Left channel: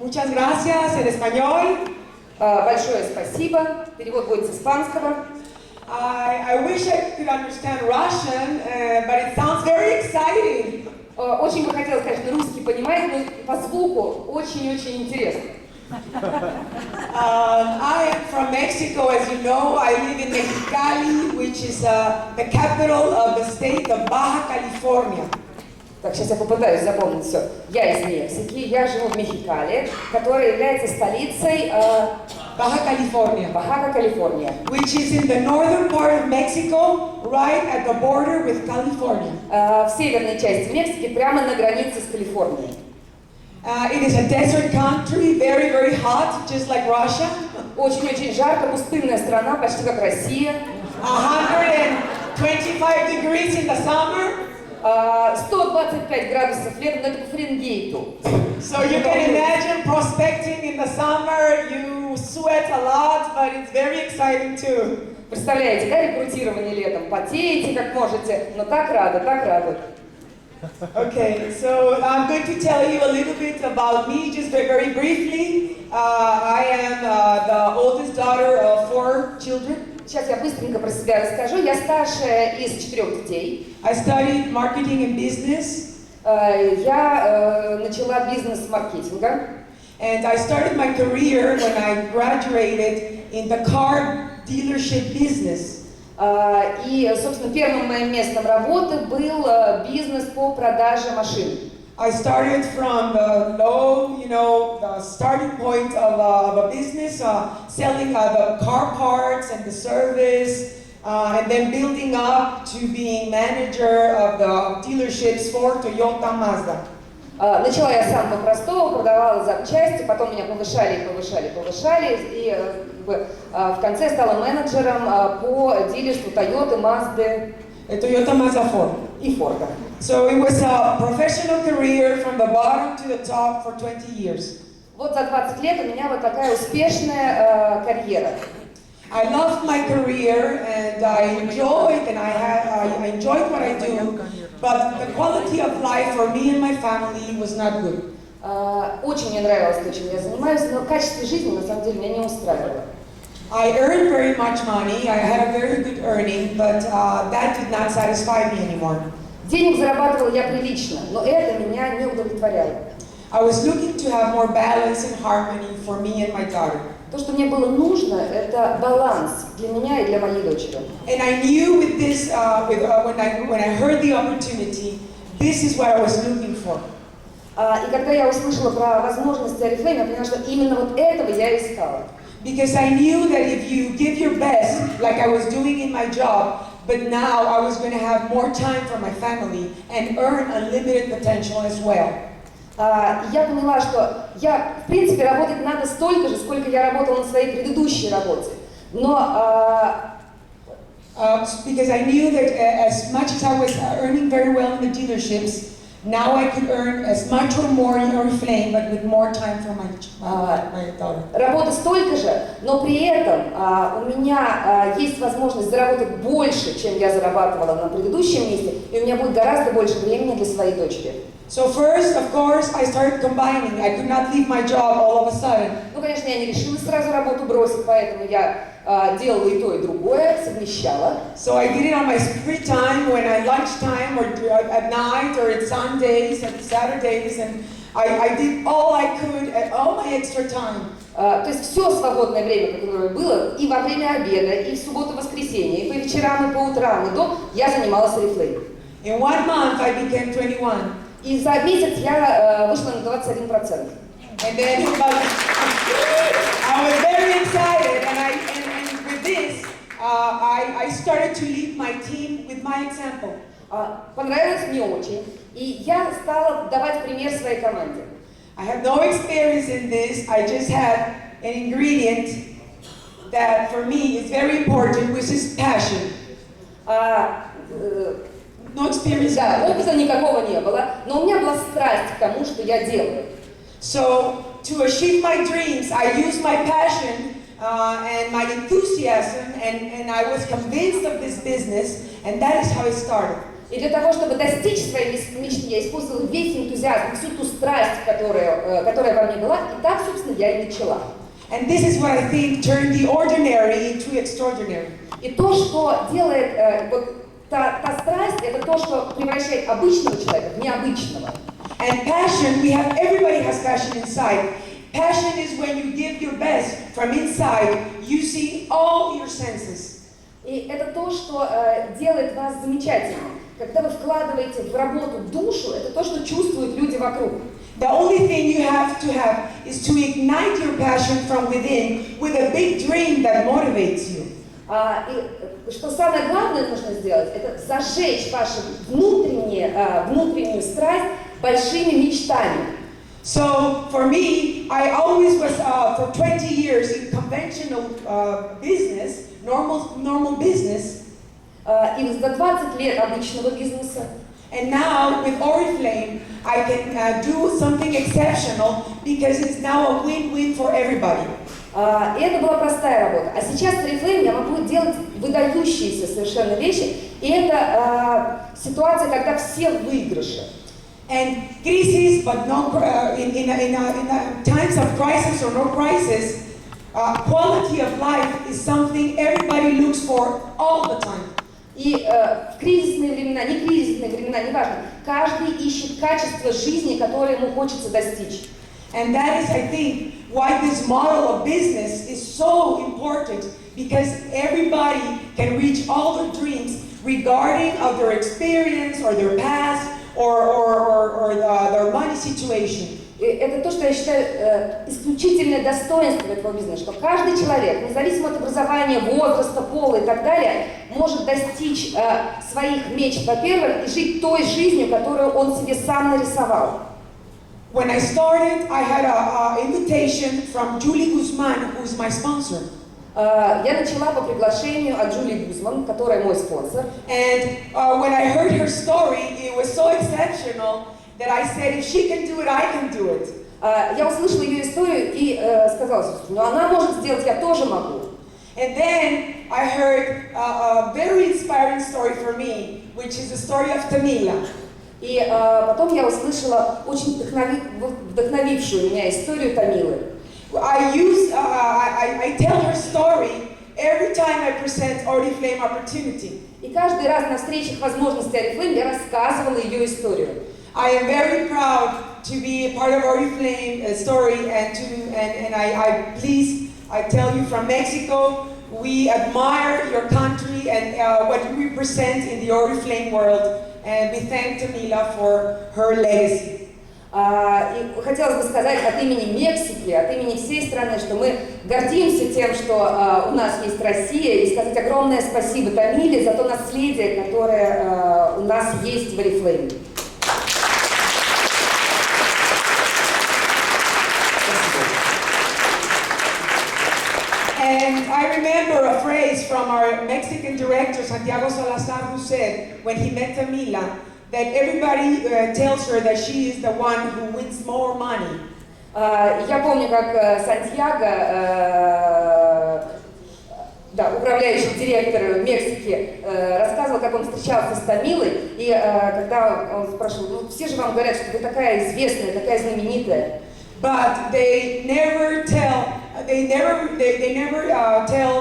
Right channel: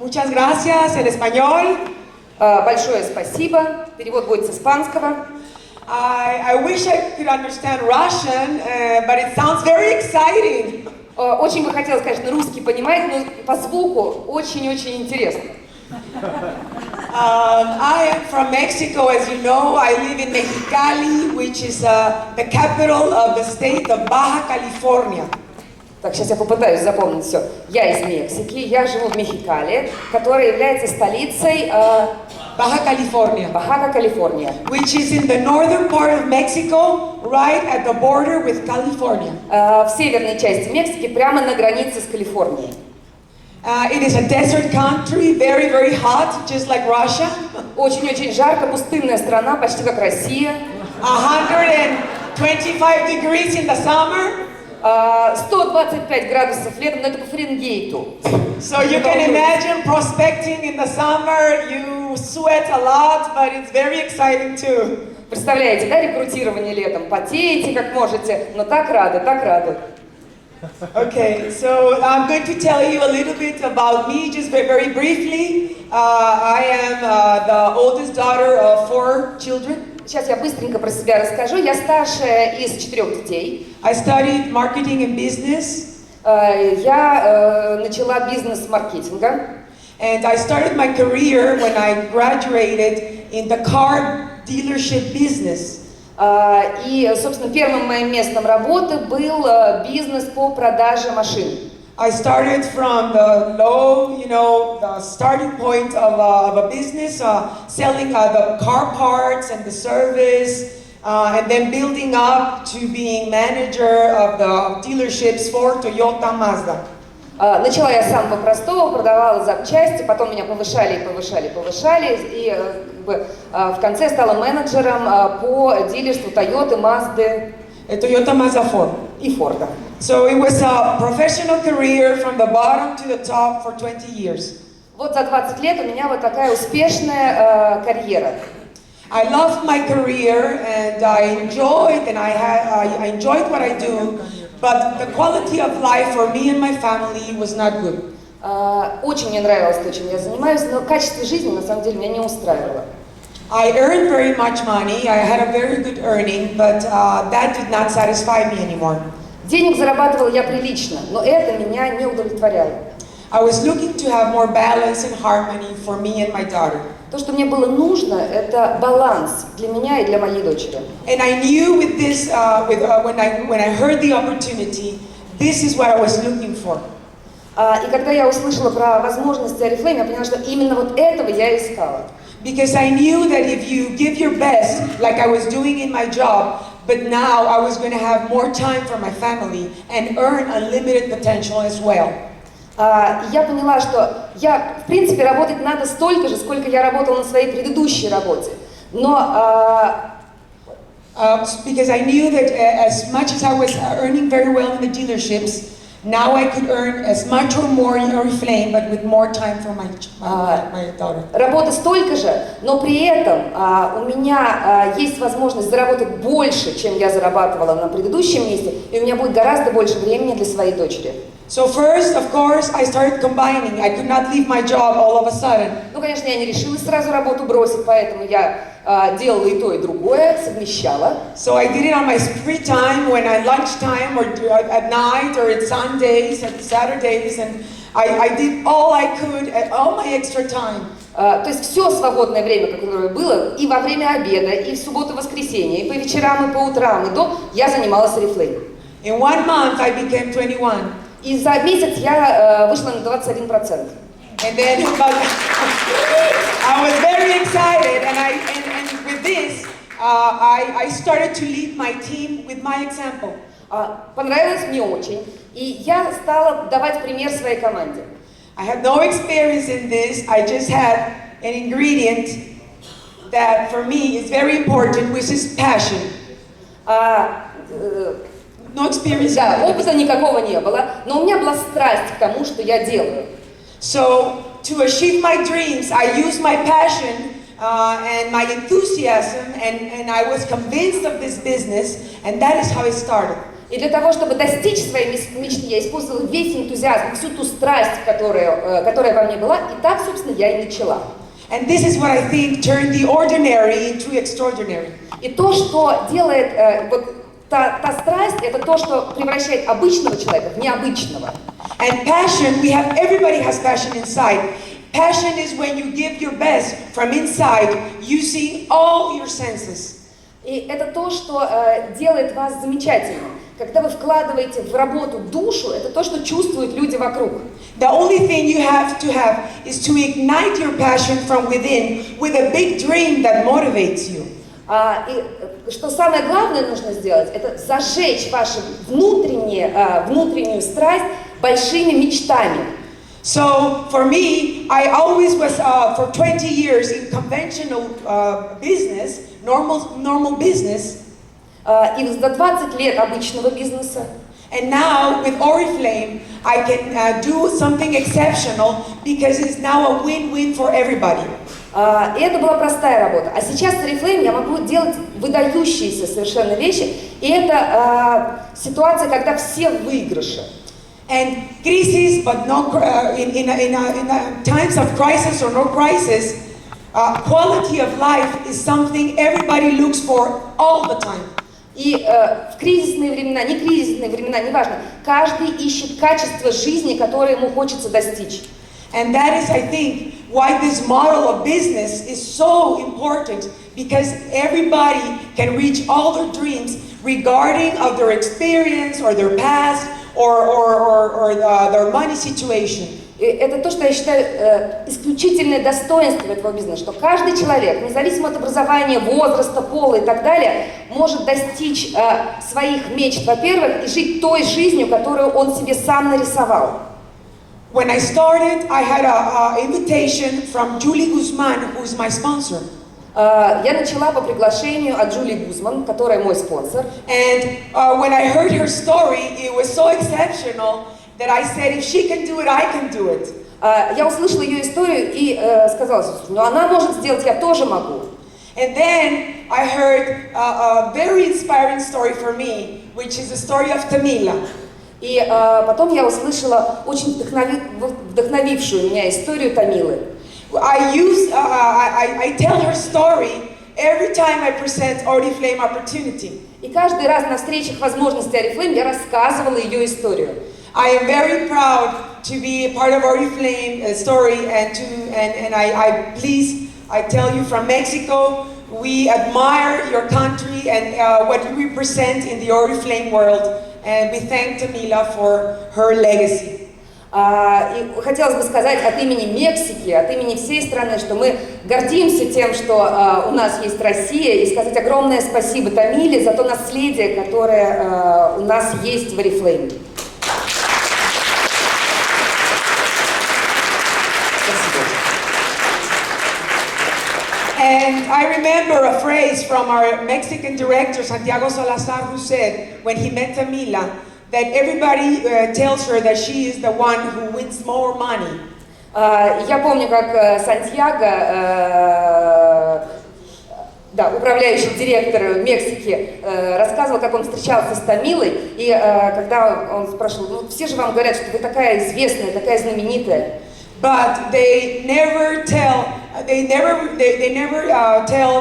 Muchas gracias en español. Большое спасибо. Перевод будет с испанского. I wish I could understand Russian, but it sounds very exciting. Очень бы хотелось, конечно, русский понимать, но по звуку очень-очень интересно. I am from Mexico, as you know. I live in Mexicali, which is the capital of the state of Baja California. Так, сейчас я попытаюсь запомнить все. Я из Мексики, я живу в Мехикали, которая является столицей Baja California. Baja California. Which is in the northern part of Mexico, right at the border with California. В северной части Мексики, прямо на границе с Калифорнией. It is a desert country, very, very hot, just like Russia. Очень-очень жарко, пустынная страна, почти как Россия. 125 degrees in the summer. 125 градусов летом, но это по Фаренгейту. So you can imagine prospecting in the summer, you sweat a lot, but it's very exciting too. Представляете, да, рекрутирование летом? Потеете как можете, но так рады, так рады. Okay, so I'm going to tell you a little bit about me, just very briefly. I am the oldest daughter of 4 children. Сейчас я быстренько про себя расскажу. Я старшая из 4 детей. I studied marketing and business. Я начала бизнес с маркетинга. And I started my career when I graduated in the car dealership business. И, собственно, первым моим местом работы был бизнес по продаже машин. I started from the low, the starting point of a business, selling the car parts and the service, and then building up to being manager of the dealerships for Toyota, Mazda. Начала я с самого простого, продавала запчасти, потом меня повышали, и в конце стала менеджером по дилерству Toyota, Mazda, Toyota, Mazda, Ford. И Форда. So it was a professional career from the bottom to the top for 20 years. Вот за 20 лет у меня вот такая успешная карьера. I loved my career and I enjoyed what I do, but the quality of life for me and my family was not good. Очень мне нравилось то, чем я занимаюсь, но качество жизни на самом деле меня не устраивало. I earned very much money. I had a very good earning, but that did not satisfy me anymore. Денег зарабатывала я прилично, но это меня не удовлетворяло. I was looking to have more balance and harmony for me and my daughter. То, что мне было нужно, это баланс для меня и для моей дочери. And I knew with this, when I heard the opportunity, this is what I was looking for. И когда я услышала про возможности Орифлэйм, я поняла, что именно вот этого я искала. Because I knew that if you give your best, like I was doing in my job, but now I was going to have more time for my family and earn unlimited potential as well. Я поняла, что в принципе, работать надо столько же, сколько я работала на своей предыдущей работе. Но because I knew that as much as I was earning very well in the dealerships, now I could earn as much or more in Oriflэйм, but with more time for my daughter. Работа столько же, но при этом у меня есть возможность заработать больше, чем я зарабатывала на предыдущем месте, и у меня будет гораздо больше времени для своей дочери. So first, of course, I started combining. I could not leave my job all of a sudden. Ну, конечно, я не решилась сразу работу бросить, поэтому я делала и то, и другое, совмещала. So I did it on my free time, when I lunchtime, or at night, or at Sundays, and Saturdays, and I did all I could at all my extra time. То есть все свободное время, которое было, и во время обеда, и в субботу-воскресенье, и по вечерам, и по утрам, и я занималась Орифлэйм. In 1 month, I became 21. И за месяц я вышла на 21%. And then I was very excited, and with this, I started to lead my team with my example. Понравилось мне очень, и я стала давать пример своей команде. I had no experience in this. I just had an ingredient that for me is very important, which is passion. No experience. Да, опыта никакого не было, но у меня была страсть к тому, что я делаю. So to achieve my dreams, I used my passion and my enthusiasm, and I was convinced of this business, and that is how it started. И для того, чтобы достичь своей мечты, я использовала весь энтузиазм, всю ту страсть, которая во мне была, и так, собственно, я и начала. And this is what I think turned the ordinary into extraordinary. И то, что делает та страсть, это то, что превращает обычного человека в необычного. And passion, everybody has passion inside. Passion is when you give your best from inside, using all your senses. И это то, что делает вас замечательным. Когда вы вкладываете в работу душу, это то, что чувствуют люди вокруг. The only thing you have is to ignite your passion from within with a big dream that motivates you. И что самое главное нужно сделать, это зажечь вашу внутреннюю страсть большими мечтами. So for me, I always was for 20 years in conventional business, normal business. И за 20 лет обычного бизнеса. And now with Oriflэйм, I can do something exceptional because it's now a win-win for everybody. И это была простая работа. А сейчас с Орифлэйм я могу делать выдающиеся совершенно вещи. И это ситуация, когда все в выигрыше. And crisis, but no, in times of crisis or no crisis, quality of life is something everybody looks for all the time. И в кризисные времена, не кризисные времена, неважно, каждый ищет качество жизни, которое ему хочется достичь. And that is, I think, why this model of business is so important, because everybody can reach all their dreams regarding of their experience or their past or their money situation. И это то, что я считаю исключительное достоинство этого бизнеса, что каждый человек, независимо от образования, возраста, пола и так далее, может достичь своих мечт, во-первых, и жить той жизнью, которую он себе сам нарисовал. When I started, I had an invitation from Julie Guzman, who is my sponsor. Я начала по приглашению от Джули Гузман, которая мой спонсор. And when I heard her story, it was so exceptional that I said, if she can do it, I can do it. Я услышала ее историю и сказала, ну она может сделать, я тоже могу. And then I heard a very inspiring story for me, which is the story of Tamila. И потом я услышала очень вдохновившую меня историю Тамилы. I tell her story every time I present Oriflэйм opportunity. И каждый раз на встречах возможностей Орифлэйм я рассказывала ее историю. I am very proud to be a part of Oriflэйm story and I tell you from Mexico, we admire your country and what you represent in the Oriflэйm world, and we thank Tamila for her legacy. И хотелось бы сказать от имени Мексики, от имени всей страны, что мы гордимся тем, что у нас есть Россия, и сказать огромное спасибо Тамиле за то наследие, которое у нас есть в Орифлэйме. And I remember a phrase from our Mexican director, Santiago Salazar, who said, when he met Tamila, that everybody tells her that she is the one who wins more money. Я помню, как Сантьяго, управляющий директор Мексики, рассказывал, как он встречался с Тамилой, и когда он спрашивал, ну все же вам говорят, что вы такая известная, такая знаменитая. But they never tell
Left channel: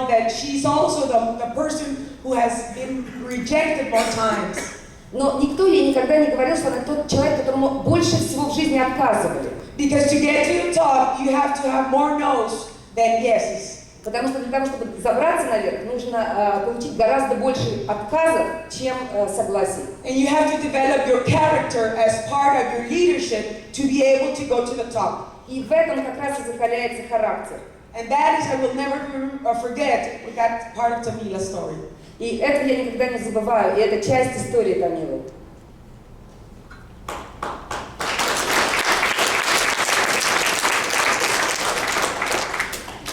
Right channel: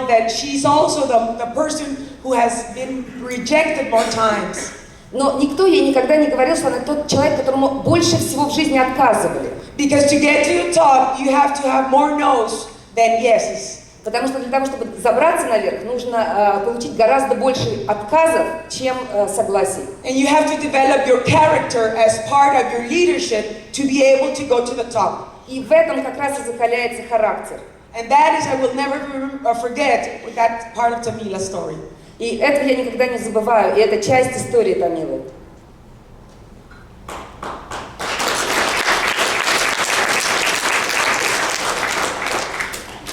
that she's also the person who has been rejected more times. Но никто ей никогда не говорил, что она тот человек, которому больше всего в жизни отказывали. Because to get to the top, you have to have more no's than yeses. Потому что для того, чтобы забраться наверх, нужно получить гораздо больше отказов, чем согласий. And you have to develop your character as part of your leadership to be able to go to the top. И в этом как раз и закаляется характер. And that is, I will never forget that part of Tamila's story. И это я никогда не забываю, и это часть истории Тамилы.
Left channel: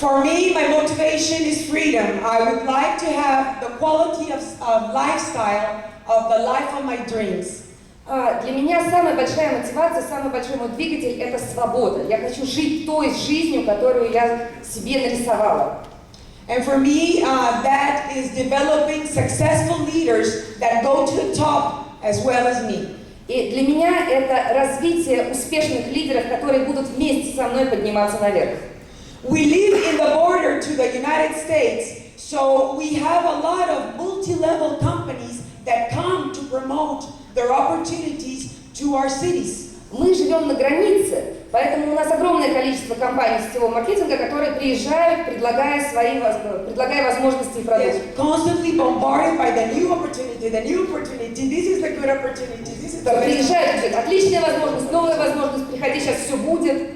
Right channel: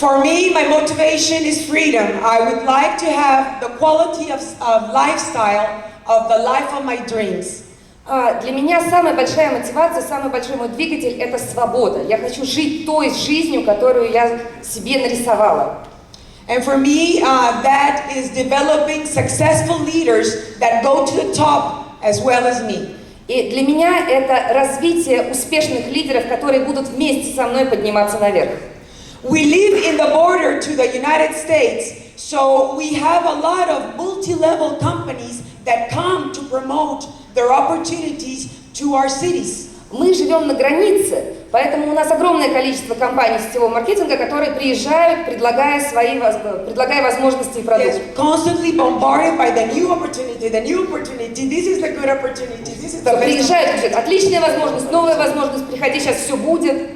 For me, my motivation is freedom. I would like to have the quality of lifestyle of the life of my dreams. Для меня самая большая мотивация, самый большой мой двигатель – это свобода. Я хочу жить той жизнью, которую я себе нарисовала. And for me, that is developing successful leaders that go to the top as well as me. И для меня это развитие успешных лидеров, которые будут вместе со мной подниматься наверх. We live in the border to the United States, so we have a lot of multi-level companies that come to promote their opportunities to our cities. Мы живем на границе, поэтому у нас огромное количество компаний сетевого маркетинга, которые приезжают, предлагая возможности и продукты. Yes, constantly bombarded by the new opportunity, this is the good opportunity, this is the best. Приезжают, говорят, отличная возможность, новая возможность, приходи, сейчас все будет.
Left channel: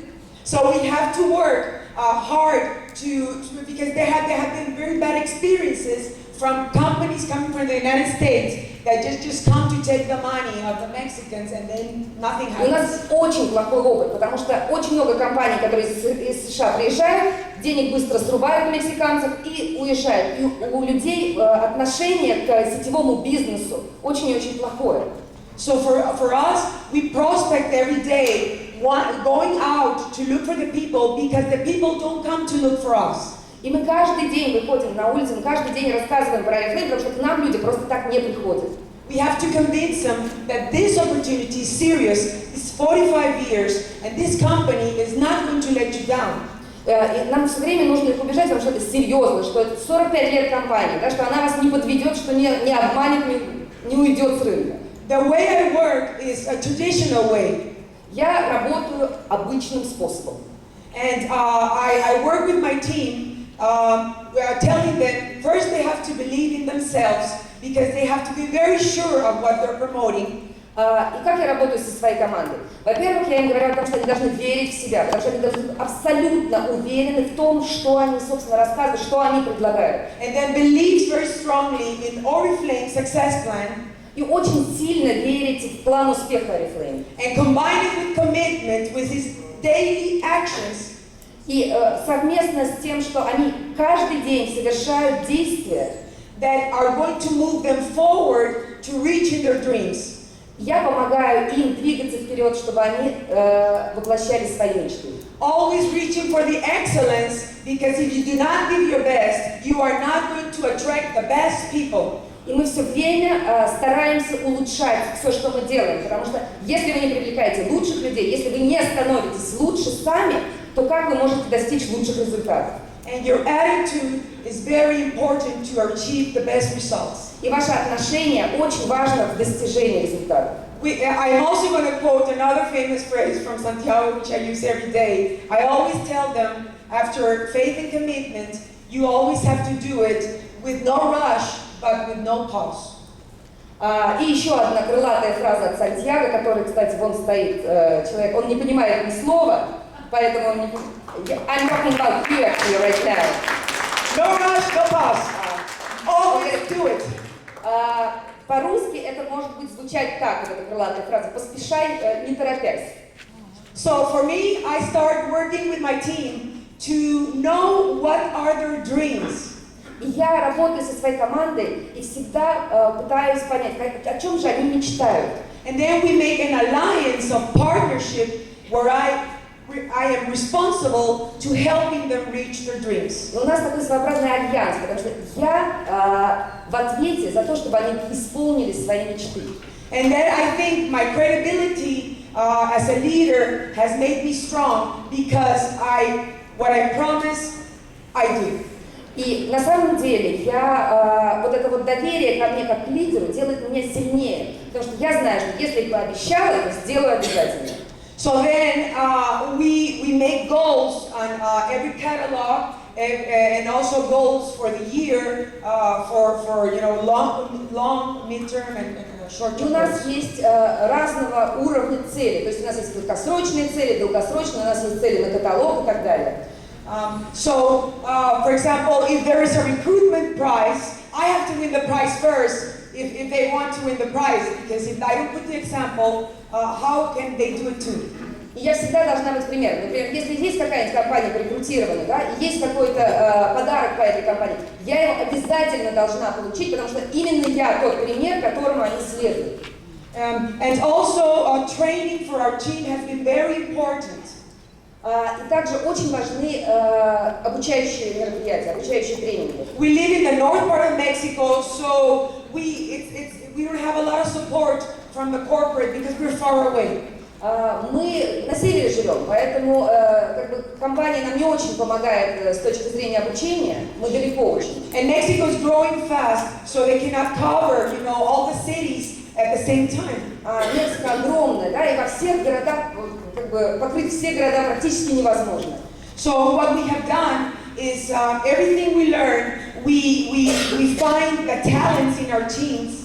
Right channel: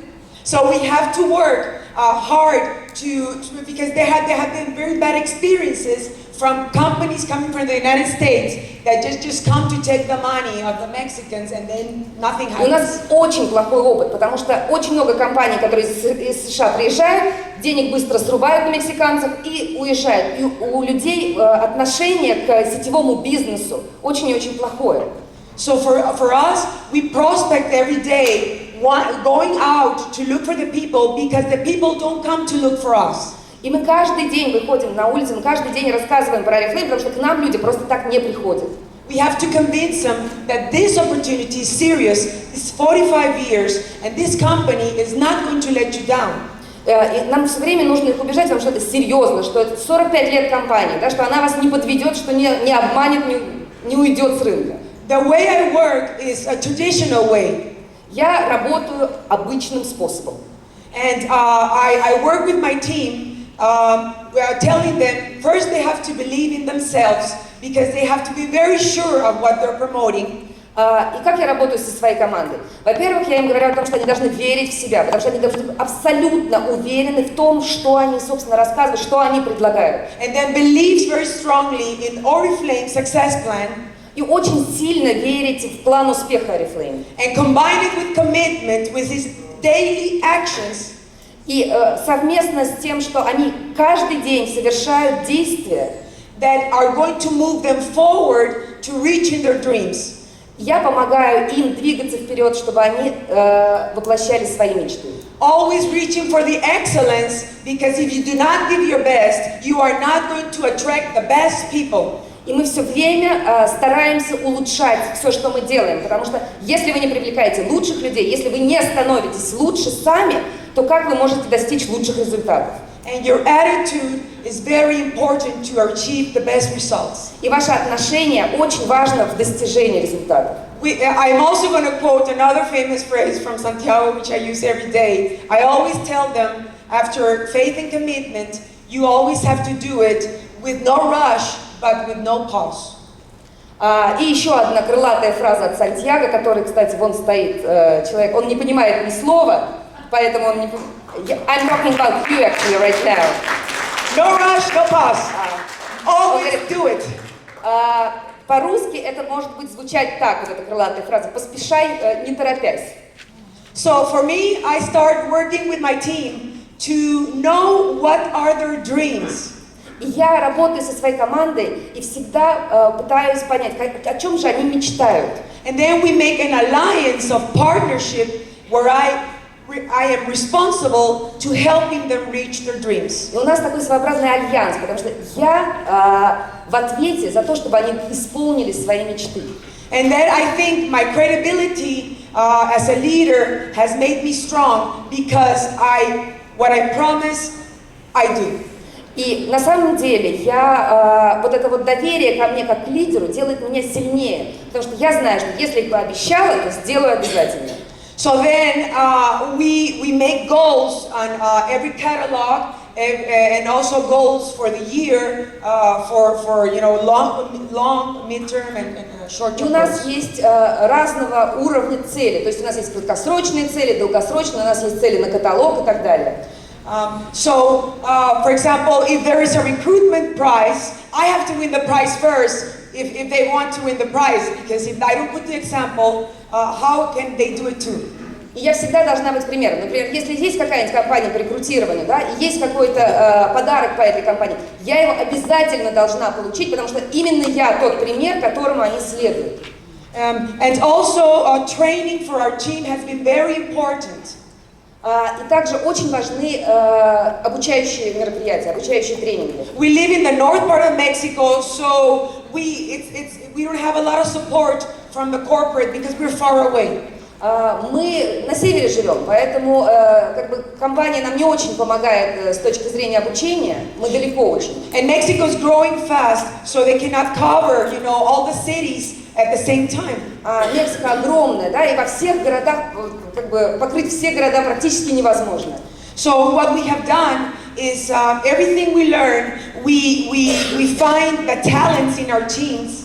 So we have to work hard because there have been very bad experiences from companies coming from the United States that just come to take the money of the Mexicans and then nothing У нас happens. очень плохой опыт, потому что очень много компаний, которые из США приезжают, денег быстро срубают на мексиканцев и уезжают. И у людей отношение к сетевому бизнесу очень и очень плохое. So for us, we prospect every day, going out to look for the people because the people don't come to look for us. И мы каждый день выходим на улицу, мы каждый день рассказываем про Орифлэйм, потому что к нам люди просто так не приходят. We have to convince them that this opportunity is serious, it's 45 years, and this company is not going to let you down. И нам все время нужно их убеждать, потому что это серьезно, что это 45 лет компании, да, что она вас не подведет, что не обманет, не уйдет с рынка. The way I work is a traditional way. Я работаю обычным способом. And I work with my team, telling them first they have to believe in themselves because they have to be very sure of what they're promoting. И как я работаю со своей командой? Во-первых, я им говорю о том, что они должны верить в себя, потому что они должны быть абсолютно уверены в том, что они, собственно, рассказывают, что они предлагают. And then believes very strongly in Oriflaime's success plan. И очень сильно верить в план успеха Орифлэйм. And combine it with commitment, with his daily actions. И совместно с тем, что они каждый день совершают действия, that are going to move them forward to reaching their dreams. Я помогаю им двигаться вперед, чтобы они воплощали свои мечты. Always reaching for the excellence, because if you do not give your best, you are not going to attract the best people. И мы все время стараемся улучшать все, что мы делаем, потому что если вы не привлекаете лучших людей, если вы не становитесь лучше сами, то как вы можете достичь лучших результатов? And your attitude is very important to achieve the best results. И ваше отношение очень важно в достижении результатов. I'm also going to quote another famous phrase from Santiago, which I use every day. I always tell them, after faith and commitment, you always have to do it with no rush, but with no pause. И еще одна крылатая фраза от Сантьяго, который, кстати, вон стоит человек, он не понимает ни слова, поэтому он не... I'm talking about you actually right now. No rush, no pause. Always do it. По-русски это может быть звучать так, вот эта крылатая фраза, поспешай, не торопясь. So for me, I start working with my team to know what are their dreams. И я работаю со своей командой и всегда пытаюсь понять, о чем же они мечтают. And then we make an alliance of partnership where I am responsible to helping them reach their dreams. И у нас такой своеобразный альянс, потому что я в ответе за то, чтобы они исполнили свои мечты. And then I think my credibility as a leader has made me strong because what I promise, I do. И на самом деле вот это вот доверие ко мне как к лидеру делает меня сильнее, потому что я знаю, что если я пообещала, то сделаю обязательно. So then we make goals on every catalog and also goals for the year for long, midterm and short-term. У нас есть разного уровня цели, то есть у нас есть краткосрочные цели, долгосрочные, у нас есть цели на каталог и так далее. For example, if there is a recruitment prize, I have to win the prize first if they want to win the prize, because if I don't put the example, how can they do it too? И я всегда должна быть примером. Например, если есть какая-нибудь компания по рекрутированию, да, и есть какой-то подарок по этой компании, я его обязательно должна получить, потому что именно я тот пример, которому они следуют. And also, training for our team has been very important. И также очень важны обучающие мероприятия, обучающие тренинги. We live in the north part of Mexico, so we don't have a lot of support from the corporate because we're far away. Мы на севере живем, поэтому как бы компания нам не очень помогает с точки зрения обучения. Мы далеко очень. And Mexico is growing fast, so they cannot cover, all the cities at the same time. Мексика огромная, да, и во всех городах, как бы покрыть все города практически невозможно. So what we have done is everything we learn, we find the talents in our teams.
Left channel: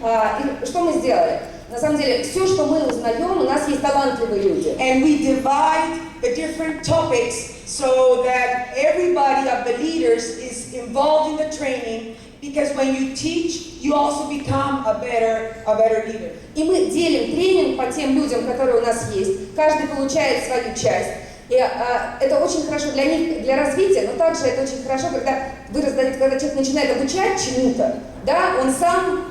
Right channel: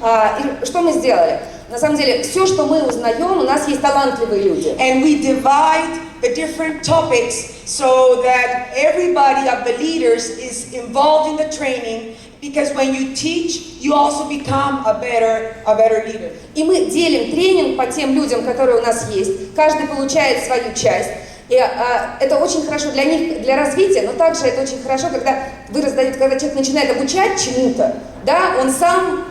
И что мы сделали? На самом деле, все, что мы узнаем, у нас есть талантливые люди. And we divide the different topics so that everybody of the leaders is involved in the training, because when you teach, you also become a better leader. И мы делим тренинг по тем людям, которые у нас есть. Каждый получает свою часть. И это очень хорошо для них, для развития, но также это очень хорошо, когда вы раздаете, когда человек начинает обучать чему-то, да, он сам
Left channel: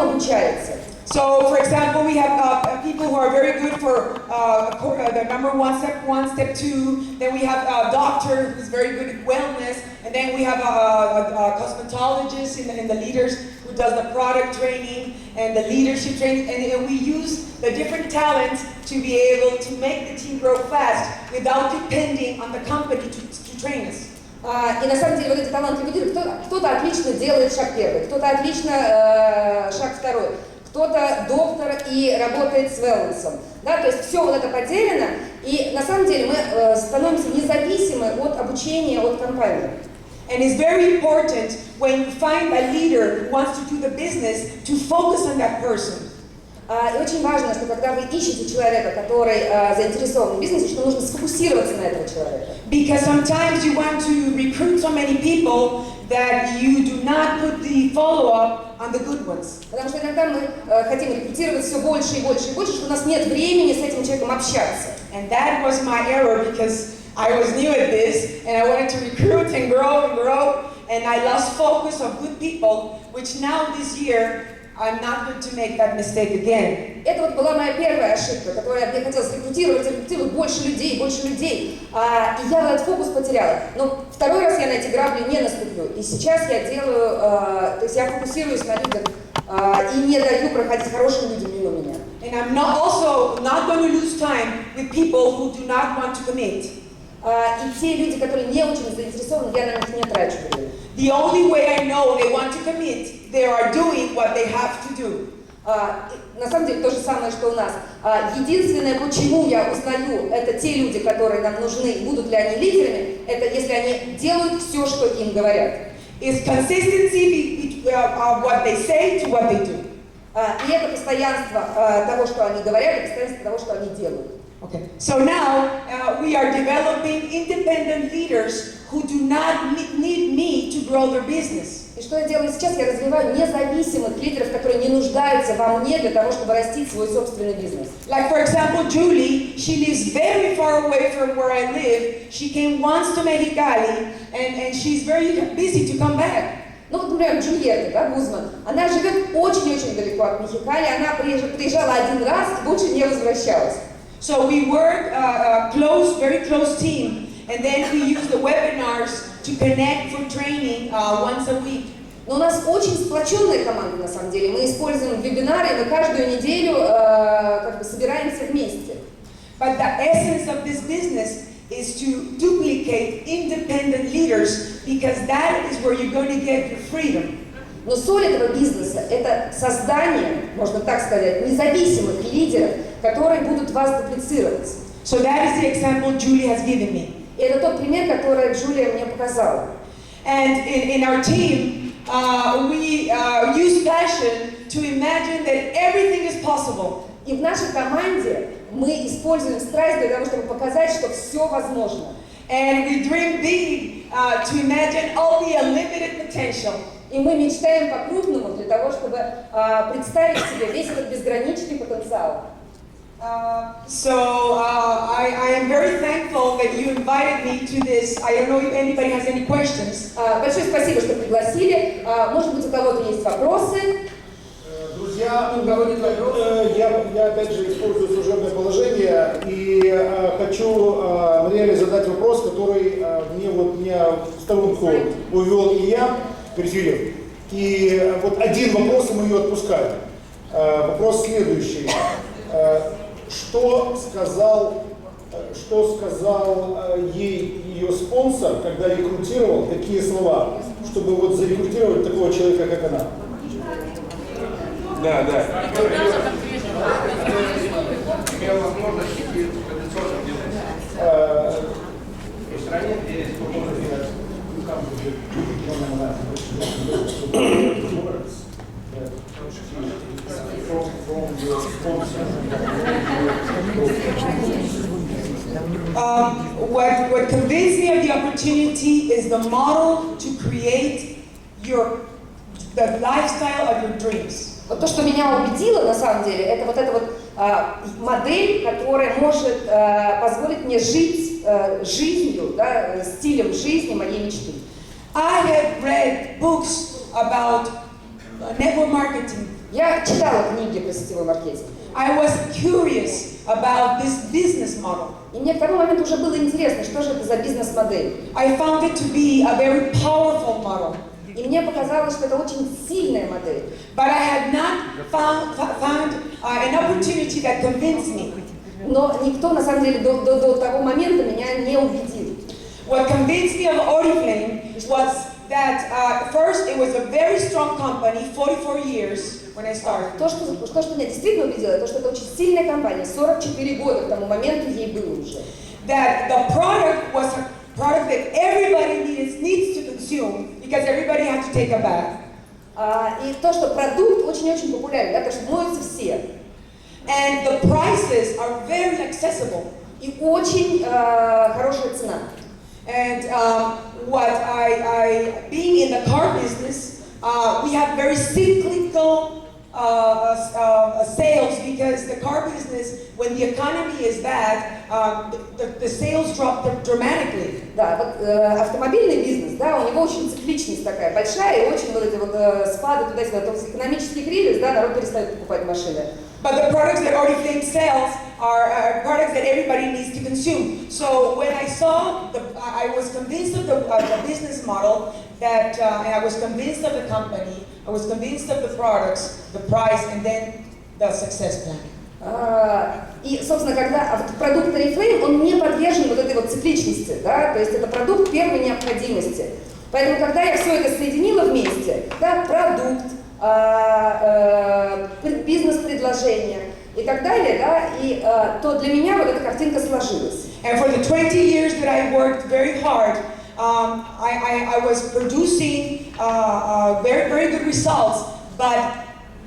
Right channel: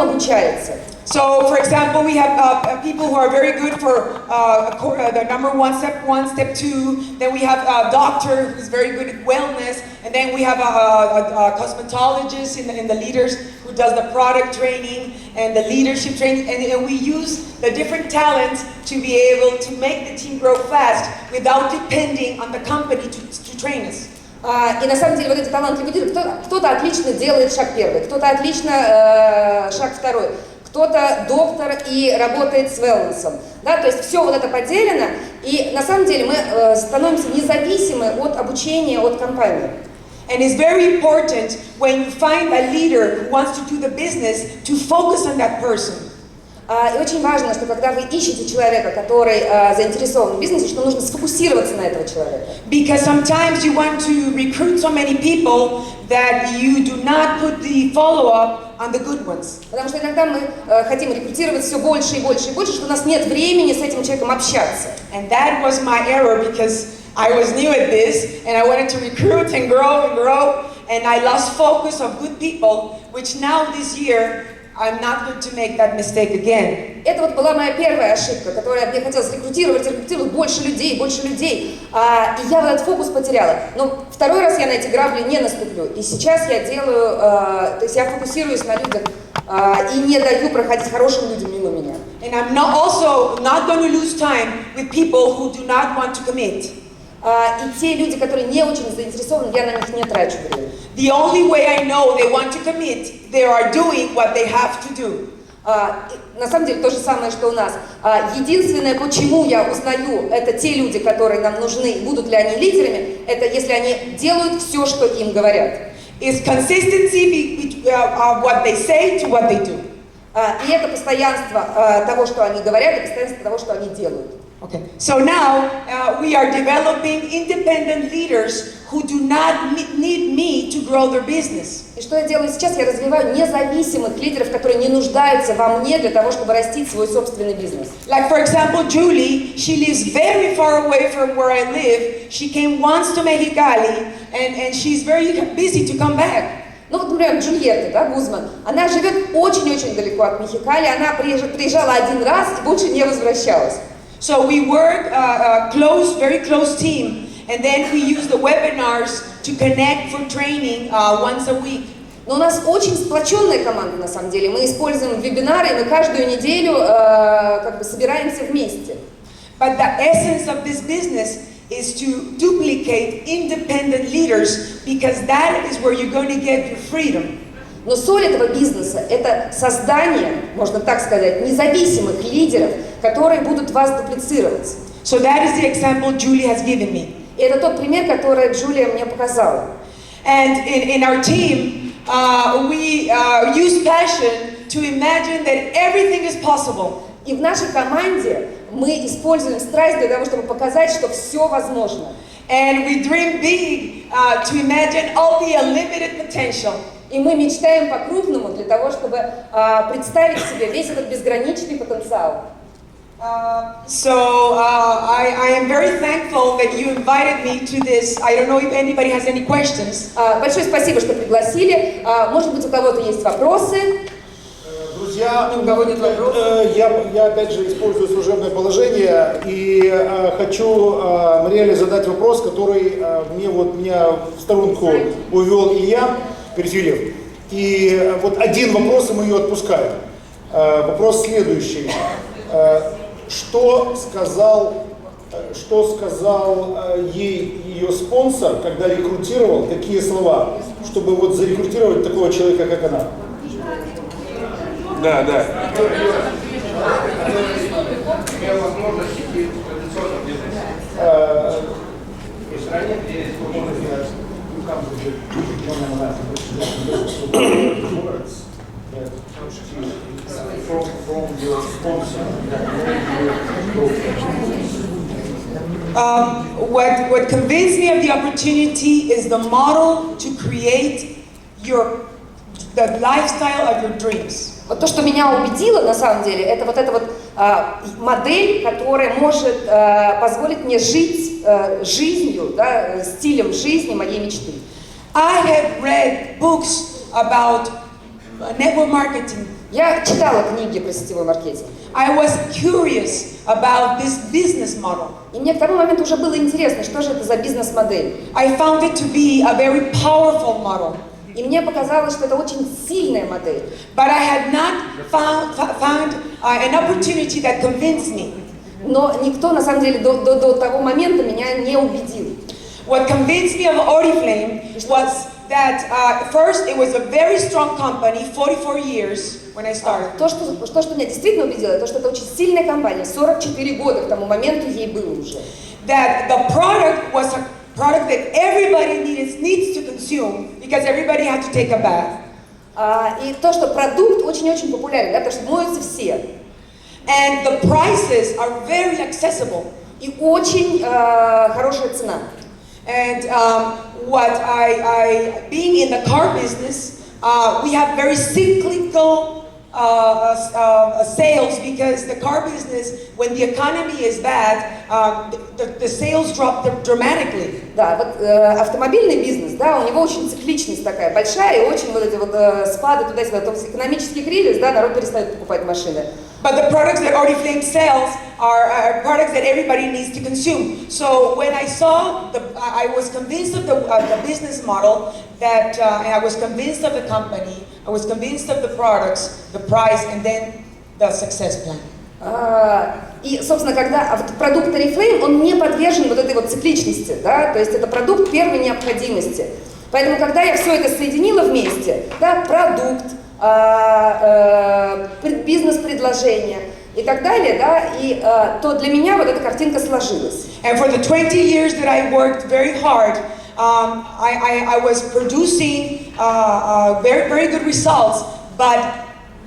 обучается. So, for example, we have people who are very good for the number one, step two. Then we have a doctor who's very good at wellness, and then we have a cosmetologist in the leaders who does the product training and the leadership training, and we use the different talents to be able to make the team grow fast without depending on the company to train us. И на самом деле вот эти талантливые лидеры, кто-то отлично делает шаг первый, кто-то отлично шаг второй, кто-то доктор и работает с wellness. Да, то есть все вот это поделено, и на самом деле мы становимся независимы от обучения, от компании. And it's very important when you find a leader who wants to do the business to focus on that person. И очень важно, что когда вы ищете человека, который заинтересован в бизнесе, что нужно сфокусироваться на этого человека. Because sometimes you want to recruit so many people that you do not put the follow-up on the good ones. Потому что иногда мы хотим рекрутировать все больше и больше и больше, что у нас нет времени с этим человеком общаться. And that was my error, because I was new at this and I wanted to recruit and grow, and I lost focus of good people, which now this year I'm not going to make that mistake again. Это вот была моя первая ошибка, которая мне хотелось рекрутировать больше людей. И я вот этот фокус потеряла. Но второй раз я на эти грабли не наступлю. И сейчас я делаю, то есть я фокусируюсь на людях и не даю проходить хорошим людям мимо меня. And I'm also not going to lose time with people who do not want to commit. И те люди, которые не очень заинтересованы, я на них не трачу время. The only way I know they want to commit, they are doing what they have to do. На самом деле то же самое, что у нас. Единственное, почему я узнаю, это те люди, которые нам нужны, будут ли они лидерами, это если они делают все, что им говорят. Is consistency of what they say to what they do. И это постоянство того, что они говорят, и постоянство того, что они делают. Okay. So now we are developing independent leaders who do not need me to grow their business. И что я делаю сейчас? Я развиваю независимых лидеров, которые не нуждаются во мне для того, чтобы растить свой собственный бизнес. Like, for example, Julie, she lives very far away from where I live. She came once to Mexicali, and she's very busy to come back. Ну вот, например, Джульетта, да, Гузман, она живет очень-очень далеко от Мехикали, она приезжала один раз и больше не возвращалась. So we work very close team, and then we use the webinars to connect for training once a week. Но у нас очень сплоченная команда, на самом деле. Мы используем вебинары, и мы каждую неделю как бы собираемся вместе. But the essence of this business is to duplicate independent leaders, because that is where you're going to get your freedom. Но соль этого бизнеса – это создание, можно так сказать, независимых лидеров, которые будут вас дуплицировать. So that is the example Julie has given me. И это тот пример, который Джулия мне показала. And in our team, we use passion to imagine that everything is possible. И в нашей команде мы используем страсть для того, чтобы показать, что все возможно. And we dream big to imagine all the unlimited potential. И мы мечтаем по-крупному для того, чтобы представить себе весь этот безграничный потенциал. So I am very thankful that you invited me to this. I don't know if anybody has any questions. Большое спасибо, что пригласили. Может быть, у кого-то есть вопросы? Друзья, я опять же использую служебное положение и хочу Мариэлле задать вопрос, который меня в сторонку увел Илья Перфильев. И вот один вопрос, и мы ее отпускаем. Вопрос следующий. Что сказал ей ее спонсор, когда рекрутировал, какие слова, чтобы вот зарекрутировать такого человека, как она? Да. Имел возможность идти в традиционном бизнесе. В стране, где есть возможность делать What convinced me of the opportunity is the model to create the lifestyle of your dreams. Вот то, что меня убедило, на самом деле, это вот эта вот модель, которая может позволить мне жить жизнью, да, стилем жизни моей мечты. I have read books about network marketing. Я читала книги про сетевой маркетинг. I was curious about this business model. И мне к тому моменту уже было интересно, что же это за бизнес-модель. I found it to be a very powerful model. И мне показалось, что это очень сильная модель. But I had not found an opportunity that convinced me. Но никто, на самом деле, до того момента меня не убедил. What convinced me of Oriflэйм was that first it was a very strong company, 44 years when I started. То, что меня действительно убедило, то, что это очень сильная компания, 44 года к тому моменту ей было уже. That the product was a product that everybody needs to consume because everybody had to take a bath. И то, что продукт очень-очень популярен, да, потому что моются все. And the prices are very accessible. И очень хорошая цена. And being in the car business, we have very cyclical sales because the car business, when the economy is bad, the sales drop dramatically. Да, вот автомобильный бизнес, да, у него очень цикличность такая большая, и очень вот эти вот спады туда-сюда, то есть экономический кризис, да, народ перестает покупать машины. But the products that Oriflэйм sells are products that everybody needs to consume. So when I saw, I was convinced of the business model, and I was convinced of the company, I was convinced of the products, the price, and then the success plan. И, собственно, когда продукт Орифлэйм, он не подвержен вот этой вот цикличности, да, то есть это продукт первой необходимости. Поэтому, когда я все это соединила вместе, да, продукт, бизнес-предложение и так далее, да, и то для меня вот эта картинка сложилась. And for the 20 years that I worked very hard, I was producing very, very good results, but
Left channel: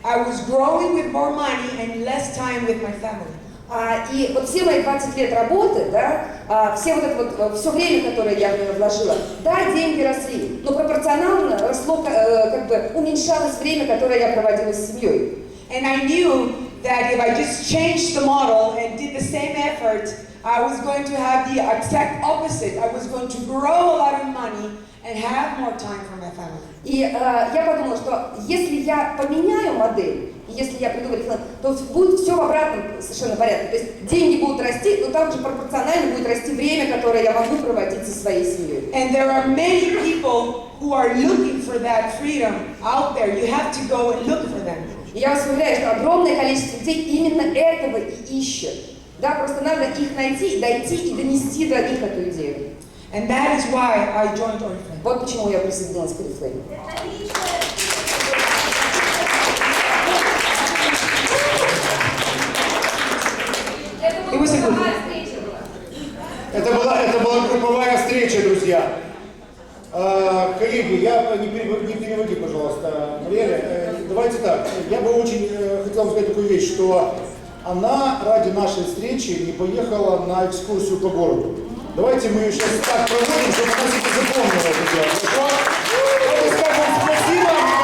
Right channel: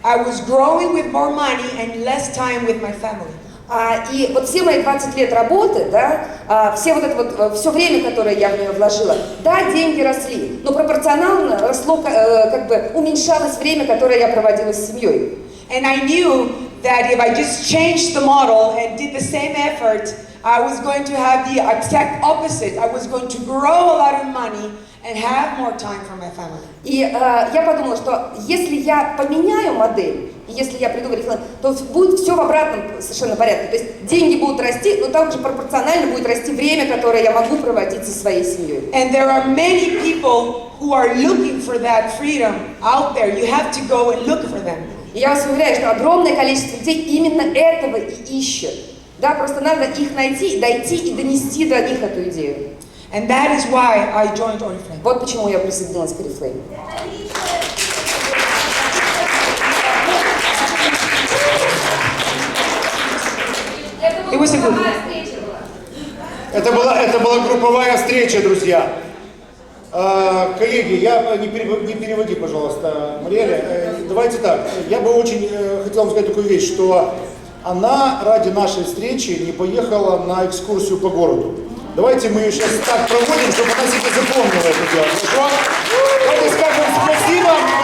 I was growing with more money and less time with my family. И вот все мои 20 лет работы, да, все все время, которое я в нее вложила, да, деньги росли, но пропорционально росло, как бы уменьшалось время, которое я проводила с семьей. And I knew that if I just changed the model and did the same effort, I was going to have the exact opposite. I was going to grow a lot of money and have more time for my family. И я подумала, что если я поменяю модель, и если я приду в Орифлэйм, то будет все в обратном совершенно порядке. То есть деньги будут расти, но также пропорционально будет расти время, которое я могу проводить со своей семьей. And there are many people who are looking for that freedom out there. You have to go and look for them. И я вас уверяю, что огромное количество людей именно этого и ищет. Да, просто надо их найти, дойти и донести до них эту идею. And that is why I joined Oriflэйм. Вот почему я присоединилась к Орифлэйму. Это была групповая встреча, друзья. Коллеги, не переводи, пожалуйста, Мариэлла. Давайте так, я бы очень хотел вам сказать такую вещь, что она ради нашей встречи не поехала на экскурсию по городу. Давайте мы ее сейчас так проводим, чтобы она себе запомнила это дело. Хорошо? Давайте скажем спасибо.